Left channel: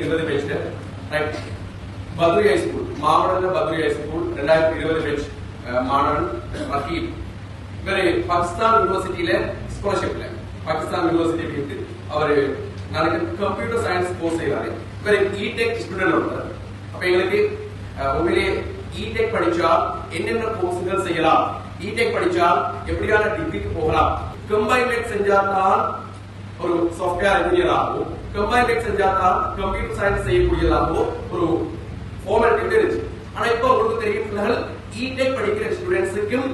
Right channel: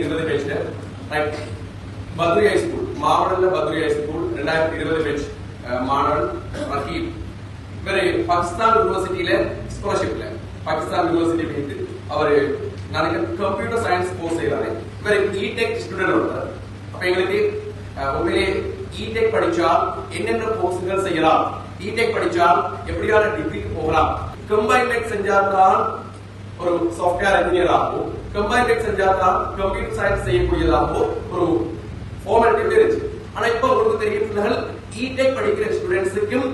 2020 பேட்ச்ல right Badri high school மாவட்டத்துல Badri high school 2020 batch மாணவன் ரகீப் இவரு பாகிஸ்தான் யூனிவர்சிட்டியில ஸ்காலர்ஷிப்ல பாகிஸ்தான் யூனிவர்சிட்டி வைத்து அவரு நாளைக்கு கம்ப்யூட்டர் சயின்ஸ் கோர்ஸ் செய்யறாரு. இவரு இடெக் ஸ்டூடெண்ட் உள்ளார். அப்ப எங்களுக்கு உண்மையிலே இடெக் படிச்சால் என்னென்ன கோர்ஸ்கள் செய்யலாம், இடெக் படிச்சால் எப்படியான டிகிரிக்கு போகலாம், கம்பைன்மெண்ட் செஞ்சால்தான் ஒரு சாஃப்ட்வேர் இன்ஜினியர் ஆகும், கம்பைன்மெண்ட் செஞ்சால்தான் கம்ப்யூட்டர் சயின்ஸ் செய்யக்கூடியதாகவோ ஒரு ஃபார்மாலிட்டி இருந்துச்சு. ஆனா இப்ப உங்களுக்கு தெரியும் பிள்ளைகள் இடெக் படிக்கிற ஸ்டூடெண்ட்ஸுக்கும்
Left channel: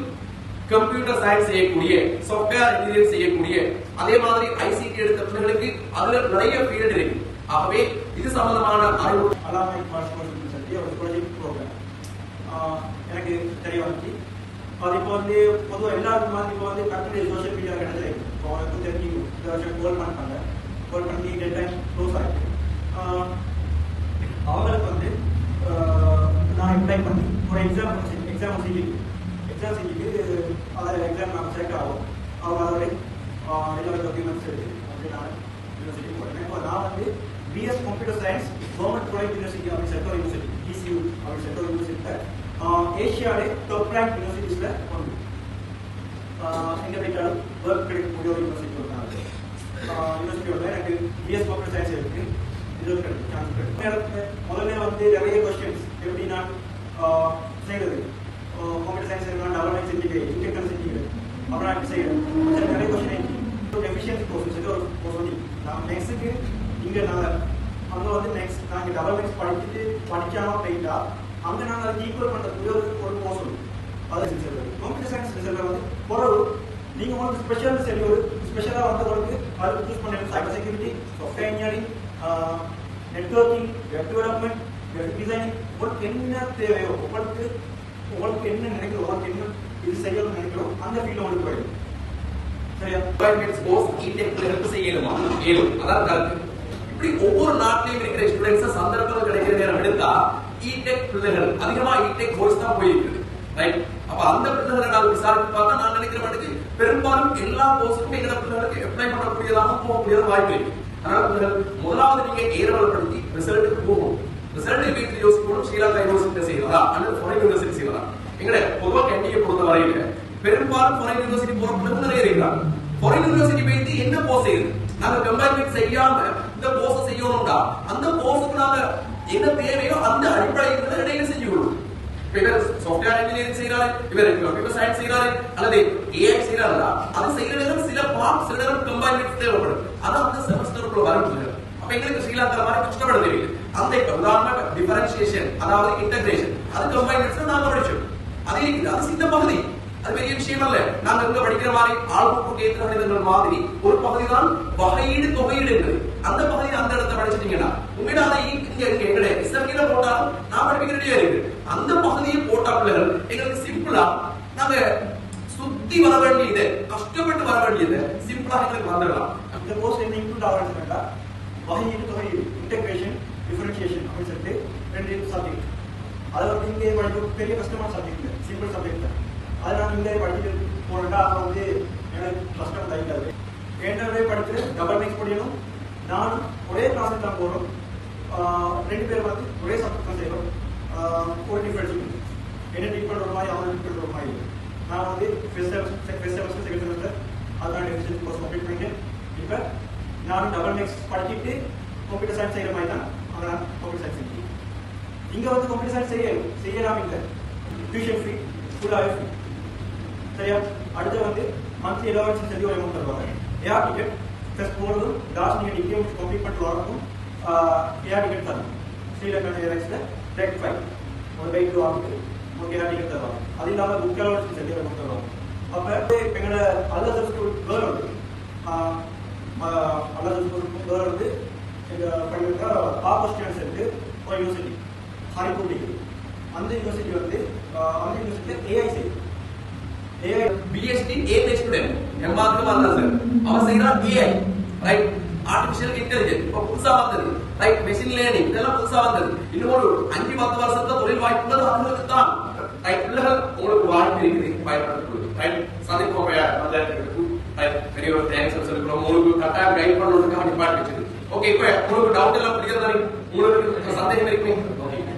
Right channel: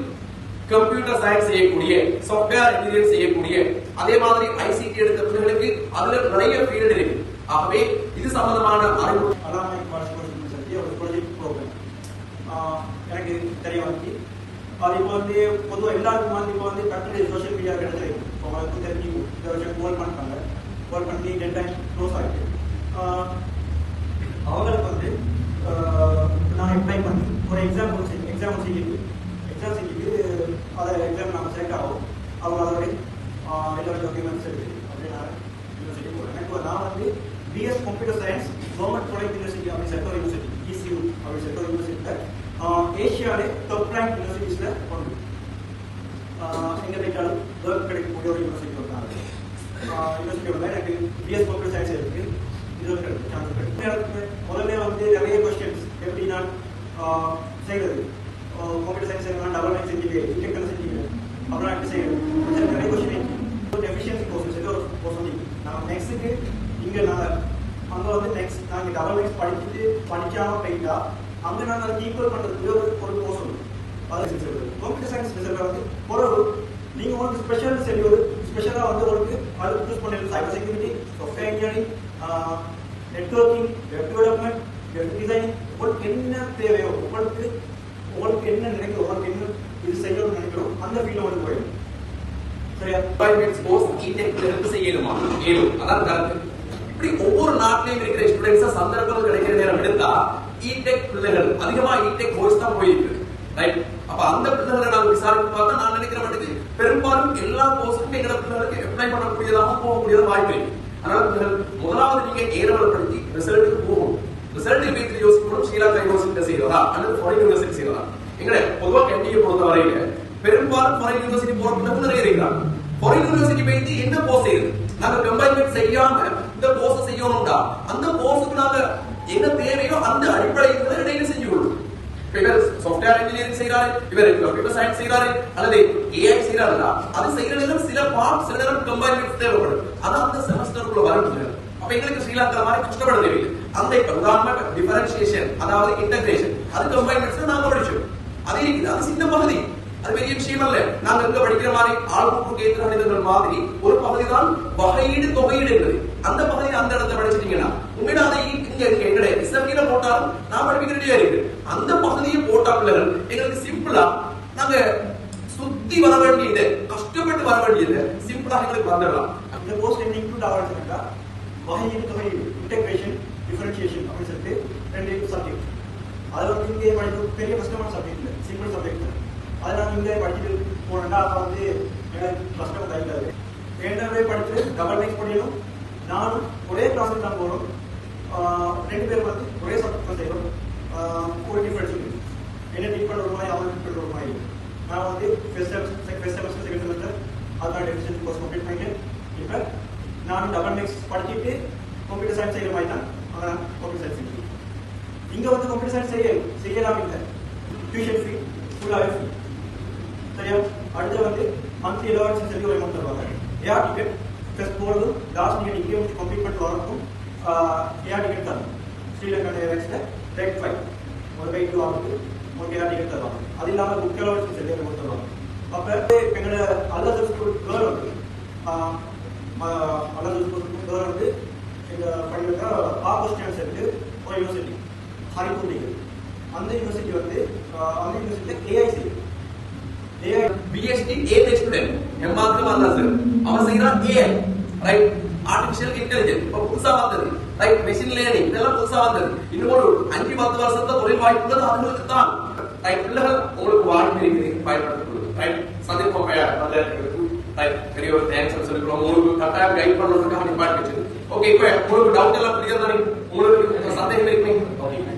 கம்ப்யூட்டர் சயின்ஸ் செய்யக்கூடிய சாஃப்ட்வேர் இன்ஜினியர் செய்யக்கூடிய அதே மாதிரி ஐசிடி எடுத்த பிள்ளைகளுக்கு அதுல நிறைய ஃபீல்டு இருக்கு. ஆகவே இது சம்பந்தமான அறிவு அலாமை சொல்லி ஒரு ப்ராஜெக்ட் ப்ரோக்ராம் எனக்கு தெரிய வந்துச்சு. அது இப்போ வந்து பொதுவாக எல்லாருக்கும் மாதிரி இப்போ வந்து கட்டுரை சோசியல் மீடியா கிடைச்சிருக்கு. இப்போ உனக்கும் தெரிஞ்சுக்கும் இந்த வருஷம் கோல் பண்ணிட்டாங்க. கோல் பண்ணி டெட் டைம் க்ளோஸ் ஆகிட்டு அவங்களுக்கு வந்து நான் அப்ளை பண்ணி ஒரு எக்ஸாம் செஞ்சுட்டு அதை எக்ஸாம் நாங்கள் செலக்ட் ஆகும். அவங்க அதோட ரெலவெண்ட் டாக்குமெண்ட்ஸ் எடுத்து அப்படி நான் யூனிவர்சிட்டி போகிறேன். இப்போ நான் வந்து BS computer science government private university அப்படி செக்டர் யூனிவர்சிட்டி GCU அப்படி செக்டர் யூனிவர்சிட்டியில் ஏஷியாவிலே டாப் ரேங்க் யூனிவர்சிட்டிஸில் கொண்டு எங்கே போயிட்டாலும் ஒர்க் கிடைக்கக்கூடிய ஒரு யூனிவர்சிட்டி வந்தாங்க. யூனிவர்சிட்டியோட எனக்கு பிஎஸ் கம்ப்யூட்டர் சயின்ஸ் இருக்கு. இது ஒரு கிடைக்கும் சான்ஸ் கிடைக்கும். முதல்ல வந்து நிறைய கொஸ்டின்ஸ் எப்படி நான் செய்கிறது, கம்ப்யூட்டர் சயின்ஸ் டபுள் மேக்ஸ் செஞ்சுட்டு இன்டெக்டல் செஞ்சுட்டு அப்புறம் எப்படி செய்யறது நிறைய கொஸ்டின் எஃபிஷியன்சி கோர்ஸ் சொல்லி ஒரு கோர்ஸ் வந்து நான் நெக்ஸ்ட்டுக்கு இங்கே நான் அங்கே வந்து நெக்ஸ்ட் நான் இங்கே டபுள் மேக்ஸ் படிச்சுட்டு படிக்காம போயிட்டா அங்கே நான் அதுக்கு ஈக்குவல் பண்ணுறதுக்குரிய ஒரு கோர்ஸ் உண்டு. அது கம்ப்யூட்டர் சயின்ஸ் ரிசல்ட் வந்து ஒரு நீங்கள் உங்களுக்கு ஸ்பெஷல் ஷெட்யூல் ஸ்பெஷலாக வந்து உங்களுக்கு அது சூஸ் பண்ணிட்டு cyber security, software engineering, networking, web development, web designing, உங்களுக்கு என்ன தேவையோ உங்களுக்கு என்ன நினைக்கிறோம், உங்களுக்கு என்ன இது செய்யணும்னு நினைக்கிறோம் அந்த ஃபீல்ட் உங்களுக்கு போயிடும். சரியா? கோர்ஸ் இடெக் செய்யணுமா ஏழும் அதான் கரெக்ட். இப்படி ஒவ்வொரு நாட்டிலையும் இருக்கிற ஸ்டூடெண்ட்ஸ் சந்தர்ப்பங்கள் கிடைக்கிற நேரம் எடுத்தா இடெக் பிள்ளைகள் அதிகமா இடெக் கோர்ஸ் தான் போயிருக்கு. ரைட்? அப்ப அந்த பிள்ளைகளை நான் விசாரித்து பார்த்தா நான் நினைக்கிற மட்டுக்கு பெரும்பாலும் எல்லா கோர்ஸுக்கும் எங்க பிள்ளைகளுக்கு அப்ளை பண்ணக்கூடியதாக போகக்கூடிய வாய்ப்பு இருக்கு. அதனால பிள்ளைகள் முதலாவது நீங்க ஏறவலப்படுத்தி ரிசல்ட்டுக்கு போகணும். ரிசல்ட் வீட்டில் யோசிக்கணும். ஸ்ரீலங்கா யூனிவர்சிட்டி செய்யறதா அல்லது ஃபாரின் யூனிவர்சிட்டி செய்யறதா? எங்க பொதுவா கண்டியை பொறுத்த வரையில பெரும்பாலும் ஃபாரின் யூனிவர்சிட்டி போற பிள்ளைங்க நிறைய இருக்கிறாங்க. ஃபாரின் யூனிவர்சிட்டி போயிட்டு என்ன கோர்ஸ் செய்யுது, நாங்க கம்பைன்மெண்ட் செய்யாம இந்த கோர்ஸ் செய்யணும்டா அந்த கோர்ஸுக்கு நாங்க என்ன தேவையோ அந்த அடிப்படையில் இடையில செஞ்சு விடுவோம். இவர் சாஃப்ட்வேர் இன்ஜினியரிங் செய்யறாரு, இவர் கம்ப்யூட்டர் சயின்ஸ் செய்யறாரு அல்லது ஏஐ செய்யறாருன்னா அது செய்யற நேரம் சில பார்ட் சில நேரம் கம்பைன்மெண்ட் தேவைப்படும். அது அந்த செமஸ்டருக்குள்ள வரணும். அப்ப எங்களுக்கு ஸ்ரீலங்கா மாதிரி கஷ்டப்பட தேவையில்லை. அந்த உதாரணமா டிஃபரன்சியேஷன் அதாவது இன்டகிரேஷன் அது கம்பைன்மெண்ட்ஸ் நாங்க படிச்சோம். அதே இருக்குது. அது சின்ன பகுதி, அது பெரிய விஷயம் அல்ல. நாங்க எங்க படிக்கிற மாதிரி ஆள்கூட்டு கேந்திர கணிதங்கள் மாதிரி ஒரு பகுதி தான் வகையீடு தொகையீடு இருக்குது. அந்த பகுதி அந்த இடத்தை படிச்சிட்டீங்கன்னா உண்மையில அதை இங்க எங்களுடைய எஸ்எம்இல போட்டாலும் நான் படிக்கிறதே இருக்கு. அந்த பகுதியை போட்டா பிள்ளைகள் எங்களுக்கு சிம்பிளா நாங்க சுத்தி வர வேண்டியது கஷ்டப்பட்டு வர வேண்டியது சிம்பிளா எங்களுக்கு வந்துடலாம். இந்த கோர்ஸ் என்ன இன்க்ளூட் ஆகிறதுனா வகையீடு தொகையீடு இன்டகிரேஷன் டிஃபரன்சியேஷன் அப்படின்னு சொல்லிட்டு 2 சப்ஜெக்ட். அதை வந்து இங்கே படிக்க பெரிய கஷ்டமான சப்ஜெக்ட் இல்லை, சிம்பிள் சப்ஜெக்ட் தான். அதை நான் இங்கே படிச்சுட்டு போனேன்னா அப்போ வந்து எனக்கு கஷ்டம் கைக்காது. ஏற்கனவே படிச்சுட்டு டபுள் மேக்ஸ் படிக்கணும். நானும் ஒரே கிளாஸில் தான் போகணும். 2 பேர் பார்த்து ஒரே சப்ஜெக்ட் தான் செய்யணும். ஒரு டிஃபரன்ஸ் இருக்கு. என்ன டிஃபரெண்ட் ஒரு மாதிரி அவங்க டிஃபரெண்ட் ஒரு மாதிரி. நான் வந்து ஃபர்ஸ்ட் செமஸ்டர் செகண்ட் செமஸ்டர் அதுதான் டெஃபிஷியன்சி கோர்ஸ் கம்ப்ளீட் பண்ணிட்டேன். இப்போ நானும் டபுள் மேக்ஸ் படிச்சுட்டு கம்ப்யூட்டர் சயின்ஸ் செய்கிற மாதிரி தான் அங்கே நான் கம்ப்யூட்டர் சயின்ஸ் செஞ்சு இங்கே வந்து கம்ப்யூட்டர் சயின்ஸ் செய்யலாம் இல்லை. டியூஷன் ஃபீ ஃபுல்லாகவே ஃப்ரீ. சரியா? அடுத்து வந்து மந்த்லி எலவன்ஸ் சொல்லி ஒரு அமௌண்ட் தருவாங்க. ஏஆர் டிக்கெட் ப்ளஸ் போகிறதும் லாஸ்ட் நீங்கள் டிகிரி முடிச்சு கம்ப்ளீட் பண்ணிட்டு வரக்கும் ஏஆர் டிக்கெட் தருவாங்க. ஸ்ரீலங்கன் ஏர்லைன்ஸில் டேரக்ட் ஃப்ளைட் ஒரு பை டூ ஆகுது உங்களுக்கு ஏஆர் டிக்கெட் தருவாங்க. அது இல்லாமல் புக் எலவன்ஸ் சொல்லி அமௌண்ட் தருவாங்க. அப்போ எங்களோட அல்லது ஸ்கூல் கேர்ள் வந்து அல்லது ஸ்கூல் கேர்ள் வந்து எங்கள் படிக்கிற ஆப்போசிட் செட்டு ஒரு யூனிவர்சிட்டி ஹரிப்பூர் டிகிரி. அந்த யூனிவர்சிட்டி வந்து அந்த யூனிவர்சிட்டியில் ஏஐ செய்யுது. ஏஐ பிஎஸ்டி ஏஐ ஸ்டூடெண்ட் எம்மாக்கு வந்தா சார் அவன் செய்யறான் ஏஐ ரைட் ஆர்டிபிஷியல் இன்டெலிஜென்ஸ் இப்ப புதுசா வந்தது ரைட் மெஷின் லேர்னிங் இதெல்லாம் புதுசா வந்தது. இன்னும் ஒரு 5-10 வருஷத்துல தொழில் வாய்ப்புள்ளது அதுகளுக்கு தான். ரைட் பிள்ளைகள் உங்களுக்கு வாழ்க்கை இருக்குது பயன்படுத்திக் ரைட் சந்திப்போம் ரைட் பெரிய ஒரு தேங்க்ஸ் சொல்லிக்கிறோம். உங்களுக்கு கட்டாயம் கைட் பண்ணுறதுக்காக டிபார்ட் வச்சிருக்கு. ஓகே இப்போ உங்களுக்கு டவுட் எல்லாம் புரியுது. for the